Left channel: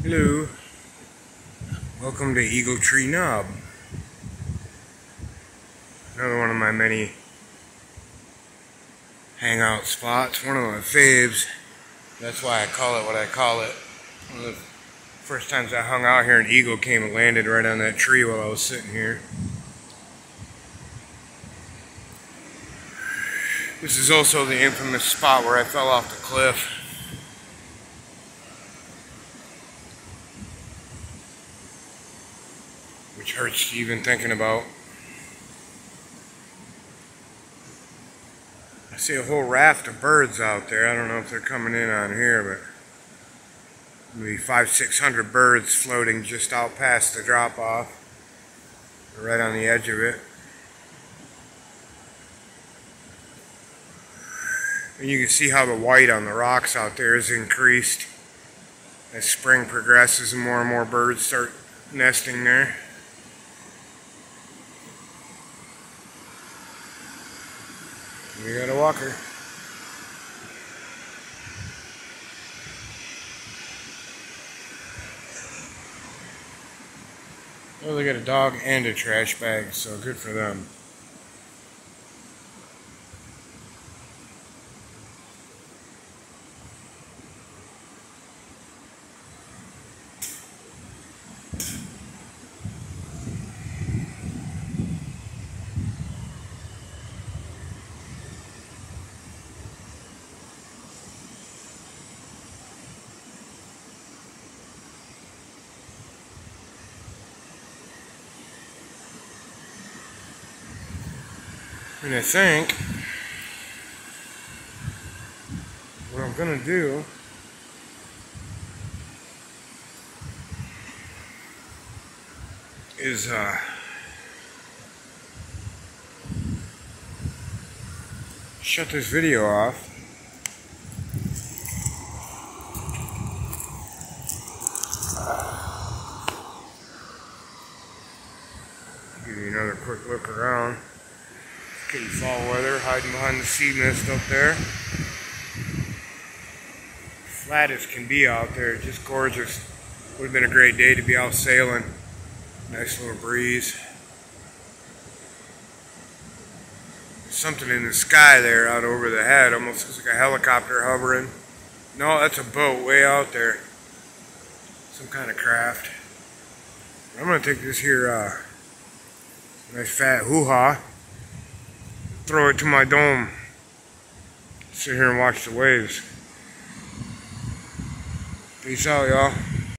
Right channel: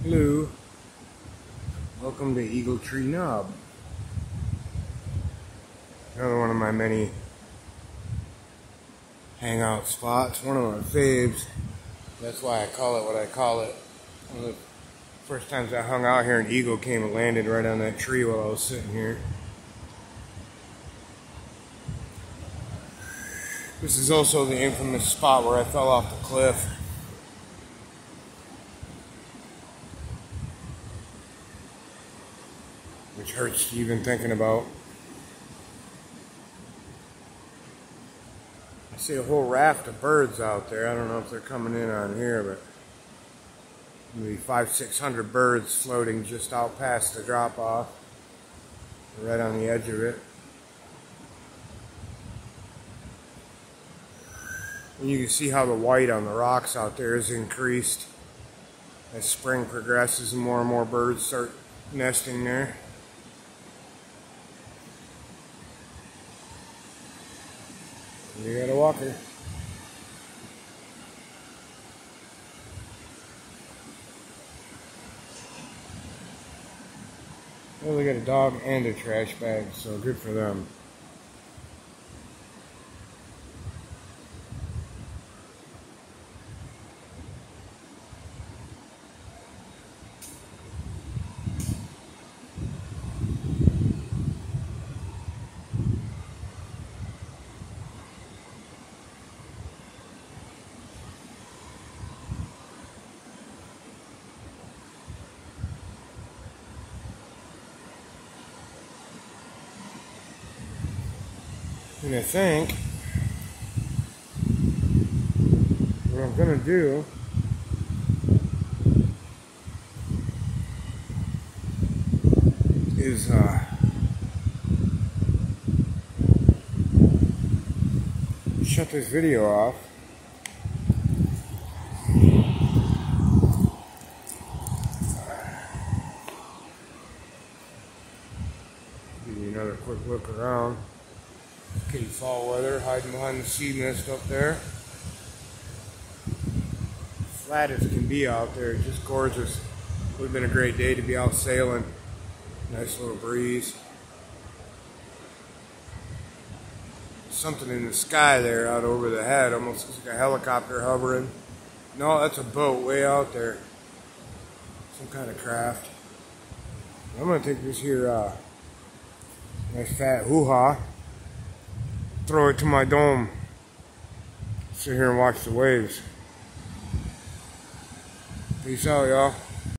Hello, welcome to Eagle Tree Knob. Another one of my many hangout spots, one of my faves. That's why I call it what I call it. One of the first times I hung out here, an eagle came and landed right on that tree while I was sitting here. This is also the infamous spot where I fell off the cliff. Which hurts even thinking about. I see a whole raft of birds out there. I don't know if they're coming in on here, but maybe 500-600 birds floating just out past the drop-off. Right on the edge of it. And you can see how the white on the rocks out there is increased as spring progresses and more birds start nesting there. We got a walker. Oh, they got a dog and a trash bag, so good for them. And I think what I'm gonna do is shut this video off. Give you another quick look around. Kitty fall weather, hiding behind the sea mist up there. Flat as can be out there, just gorgeous. Would have been a great day to be out sailing. Nice little breeze. Something in the sky there out over the head, almost looks like a helicopter hovering. No, that's a boat way out there. Some kind of craft. I'm gonna take this here nice fat hoo-ha, throw it to my dome, sit here and watch the waves. Peace out, y'all.